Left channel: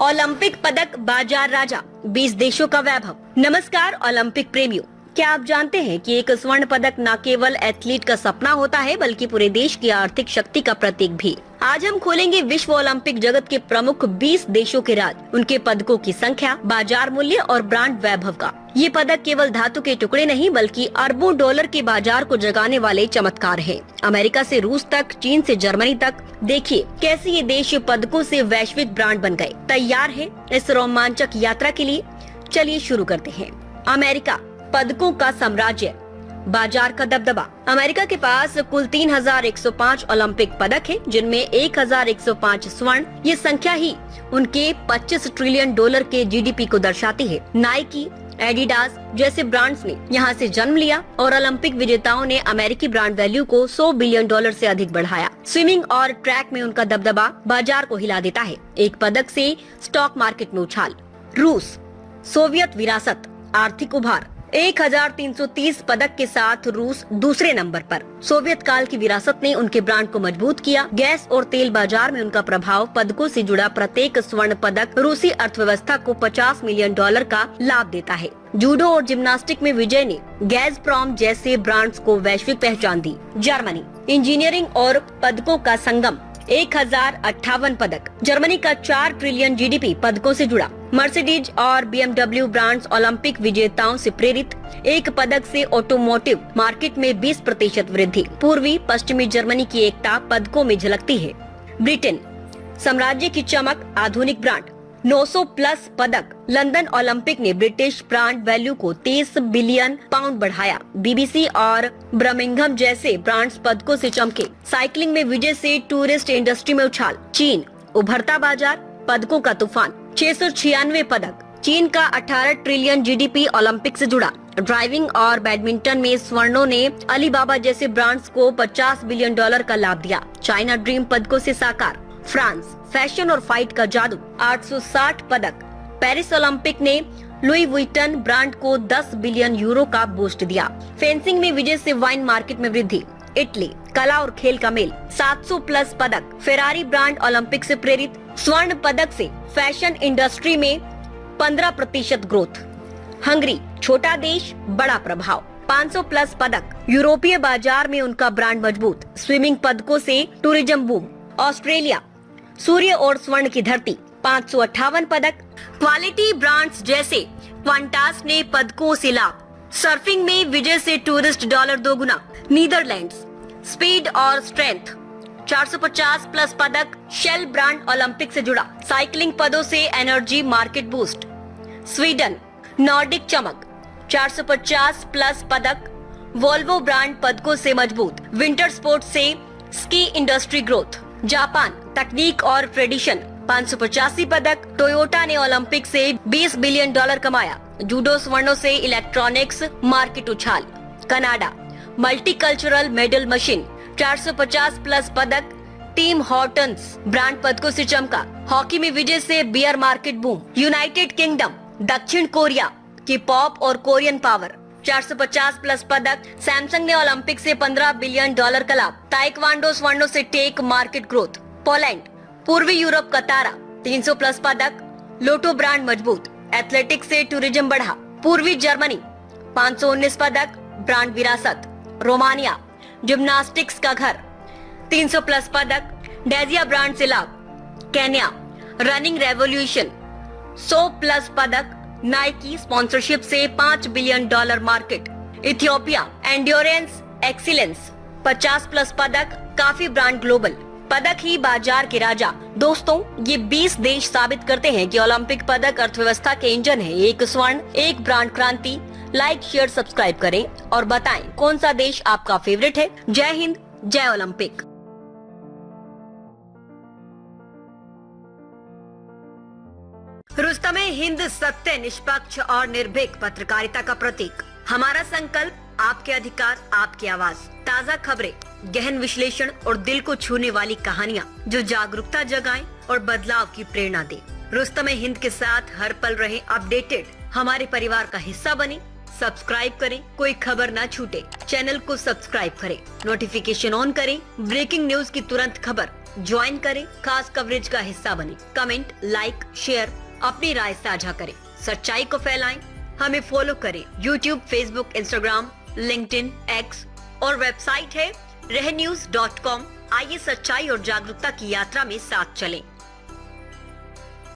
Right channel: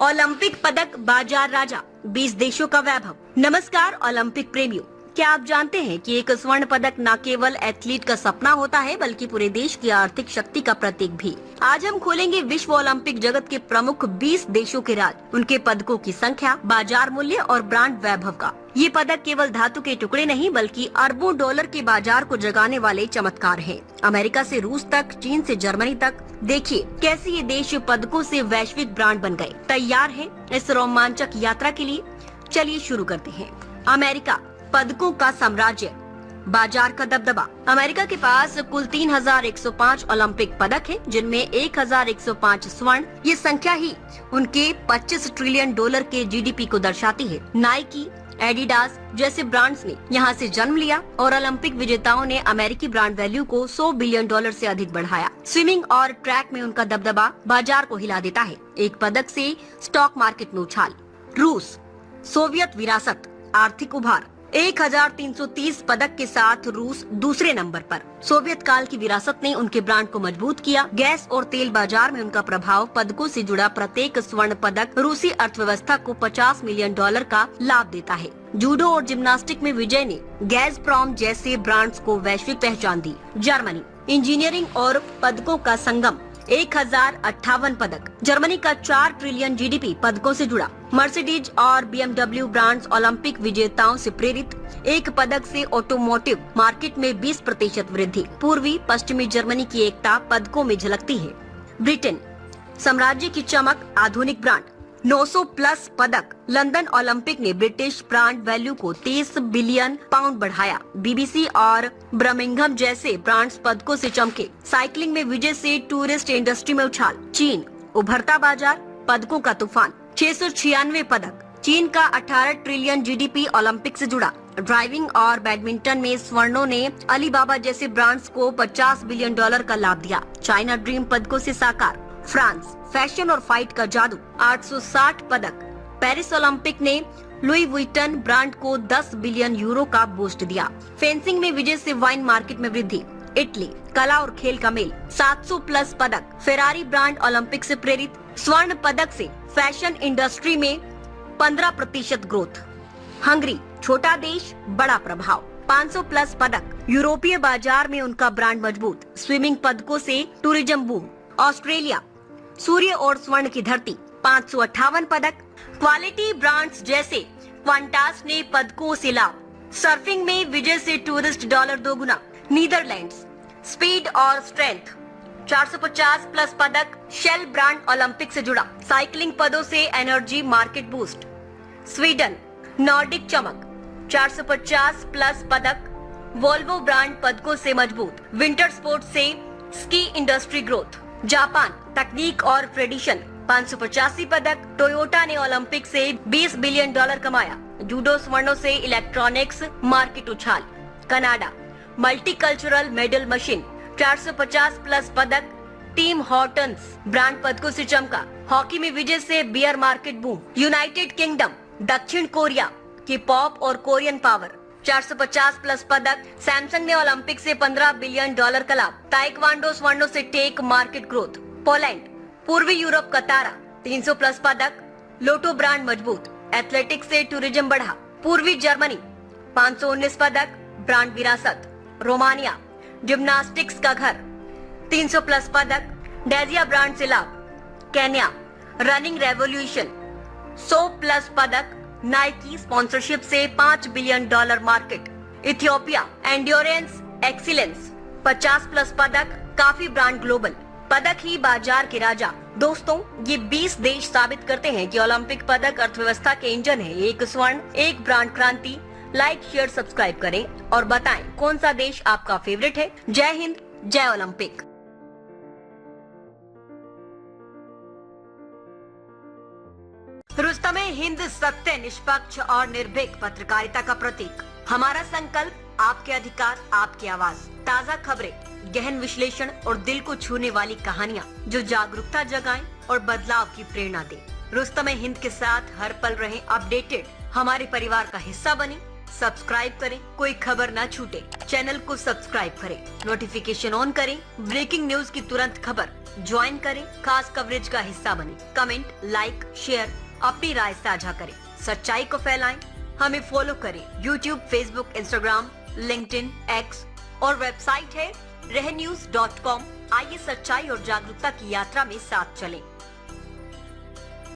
Olympic पदक बाजार राजा, 20 देशों का वैभव। नमस्कार ओलंपिक प्रेमियों, क्या आप जानते हैं कि एक स्वर्ण पदक न केवल एथलीट का सपना होता है बल्कि पूरे देश की आर्थिक शक्ति का प्रतीक भी। आज हम खोलेंगे विश्व ओलंपिक जगत के प्रमुख 20 देशों के राज, उनके पदकों की संख्या, बाजार मूल्य और ब्रांड वैभव का। ये पदक केवल धातु के टुकड़े नहीं बल्कि अरबों डॉलर के बाजार को जगाने वाले चमत्कार हैं। अमेरिका से रूस तक, चीन से जर्मनी तक, देखिए कैसे ये देश पदकों से वैश्विक ब्रांड बन गए। तैयार हैं इस रोमांचक यात्रा के लिए? चलिए शुरू करते हैं। अमेरिका, पदकों का साम्राज्य, बाजार का दबदबा। अमेरिका के पास कुल 3105 ओलंपिक पदक है, जिनमें 1105 स्वर्ण। ये संख्या ही उनके 25 ट्रिलियन डॉलर के जीडीपी को दर्शाती है। नाइकी, एडिडास जैसे ब्रांड्स ने यहाँ से जन्म लिया और ओलंपिक विजेताओं ने अमेरिकी ब्रांड वैल्यू को 100 बिलियन डॉलर से अधिक बढ़ाया। स्विमिंग और ट्रैक में उनका दबदबा बाजार को हिला देता है। एक पदक से स्टॉक मार्केट में उछाल। रूस, सोवियत विरासत, आर्थिक उभार। 1330 पदक के साथ रूस दूसरे नंबर पर। सोवियत काल की विरासत ने उनके ब्रांड को मजबूत किया। गैस और तेल बाजार में उनका प्रभाव, पदकों से जुड़ा प्रत्येक स्वर्ण पदक रूसी अर्थव्यवस्था को 50 मिलियन डॉलर का लाभ देता है। जूडो और जिम्नास्टिक में विजय ने गैज़प्रोम जैसे ब्रांड्स को वैश्विक पहचान दी। जर्मनी, इंजीनियरिंग और पदकों का संगम, 1058 पदक। जर्मनी का 4 ट्रिलियन जीडीपी पदकों से जुड़ा। मर्सिडीज और BMW ब्रांड्स ओलंपिक विजेताओं से प्रेरित। एक पदक से ऑटोमोटिव मार्केट में 20% वृद्धि। पूर्वी पश्चिमी जर्मनी की एकता पदकों में झलकती है। ब्रिटेन, साम्राज्य की चमक, आधुनिक ब्रांड, 900 प्लस पदक। लंदन ओलंपिक ने ब्रिटिश ब्रांड वैल्यू को 23 बिलियन पाउंड बढ़ाया। BBC और बर्मिंघम जैसे ब्रांड्स पदकों से चमके। साइकिलिंग में विजय से टूरिस्ट इंडस्ट्री में उछाल। चीन, उभरता बाजार, पदकों का तूफान, 696 पदक। चीन का 18 ट्रिलियन जीडीपी ओलंपिक से जुड़ा। ड्राइविंग और बैडमिंटन में स्वर्णों ने अलीबाबा जैसे ब्रांड्स को 50 बिलियन डॉलर का लाभ दिया। चाइना ड्रीम पदकों से साकार। फ्रांस, फैशन और फाइट का जादू, 860 पदक। पेरिस ओलंपिक ने लुई वुइटन ब्रांड को 10 बिलियन यूरो का बूस्ट दिया। फेंसिंग में विजय से वाइन मार्केट में वृद्धि। इटली, कला और खेल का मेल, 700 प्लस पदक। फेरारी ब्रांड ओलंपिक से प्रेरित। स्वर्ण पदक से फैशन इंडस्ट्री में 15% ग्रोथ। हंगरी, छोटा देश, बड़ा प्रभाव, 500 प्लस पदक। यूरोपीय बाजार में उनका ब्रांड मजबूत। स्विमिंग पदकों से टूरिज्म बूम। ऑस्ट्रेलिया, सूर्य और स्वर्ण की धरती, 558 पदक। क्वालिटी ब्रांड्स जैसे क्वांटास ने पदकों से लाभ। सर्फिंग में विजय से टूरिस्ट डॉलर दोगुना। नीदरलैंड्स, स्पीड और स्ट्रेंथ, 450 प्लस पदक। शेल ब्रांड ओलंपिक से जुड़ा। साइकिलिंग पदों से energy market boost. Sweden, Nordic चमक, 450 प्लस पदक। वोल्वो ब्रांड पदकों से मजबूत। विंटर स्पोर्ट्स से स्की इंडस्ट्री ग्रोथ। जापान, तकनीक और ट्रेडिशन, 585 पदक। टोयोटा ने ओलंपिक से 20 बिलियन डॉलर कमाया। जूडो स्वर्णों से इलेक्ट्रॉनिक्स मार्केट उछाल। Canada, multicultural medal machine, 450 plus पदक। टीम हॉर्टन्स ब्रांड पदकों से चमका। हॉकी में विजय से beer market boom. United kingdom, दक्षिण कोरिया की पॉप और कोरियन पावर, 450 प्लस पदक। सैमसंग ने ओलंपिक से 15 बिलियन डॉलर का लाभ। ताइक्वांडो स्वर्णों से टेक मार्केट ग्रोथ। पोलैंड, पूर्वी यूरोप का तारा, 300 प्लस पदक। लोटो ब्रांड मजबूत। एथलेटिक्स से टूरिज्म बढ़ा। पूर्वी जर्मनी, 519 पदक। ब्रांड विरासत। रोमानिया, जिम्नास्टिक्स का घर, 300 प्लस पदक। डेजिया ब्रांड से लाभ। केन्या, रनिंग रेवोल्यूशन, 100 प्लस पदक। नाइकी स्पॉन्सरशिप से 5 billion dollar market. Ethiopia, endurance excellence, 50 plus पदक। काफी ब्रांड ग्लोबल, पदक ही बाजार के राजा। दोस्तों, ये 20 देश साबित करते हैं कि ओलंपिक पदक अर्थव्यवस्था के इंजन है। एक स्वर्ण, एक ब्रांड क्रांति। लाइक, शेयर, सब्सक्राइब करें और बताएं कौन सा देश आपका फेवरेट है। जय हिंद, जय ओलंपिक। रुस्तमे हिंद, सत्य, निष्पक्ष और निर्भीक पत्रकारिता का प्रतीक। हमारा संकल्प, आपके अधिकार, आपकी आवाज। ताज़ा खबरें, गहन विश्लेषण और दिल को छूने वाली कहानियाँ जो जागरूकता जगाएं और बदलाव की प्रेरणा दें। रुस्तमे हिंद के साथ हर पल रहें अपडेटेड। हमारे परिवार का हिस्सा बने। सब्सक्राइब करें, कोई खबर ना छूटे। चैनल को सब्सक्राइब करें, नोटिफिकेशन ऑन करें, ब्रेकिंग न्यूज की तुरंत खबर ज्वाइन करें, खास कवरेज का हिस्सा बने। कमेंट, लाइक, शेयर, अपनी राय साझा करें, सच्चाई को फैलाएं। हमें फॉलो करें YouTube, Facebook, Instagram, LinkedIn, X और वेबसाइट है रहnews.com। आइए सच्चाई और जागरूकता की यात्रा में साथ चलें।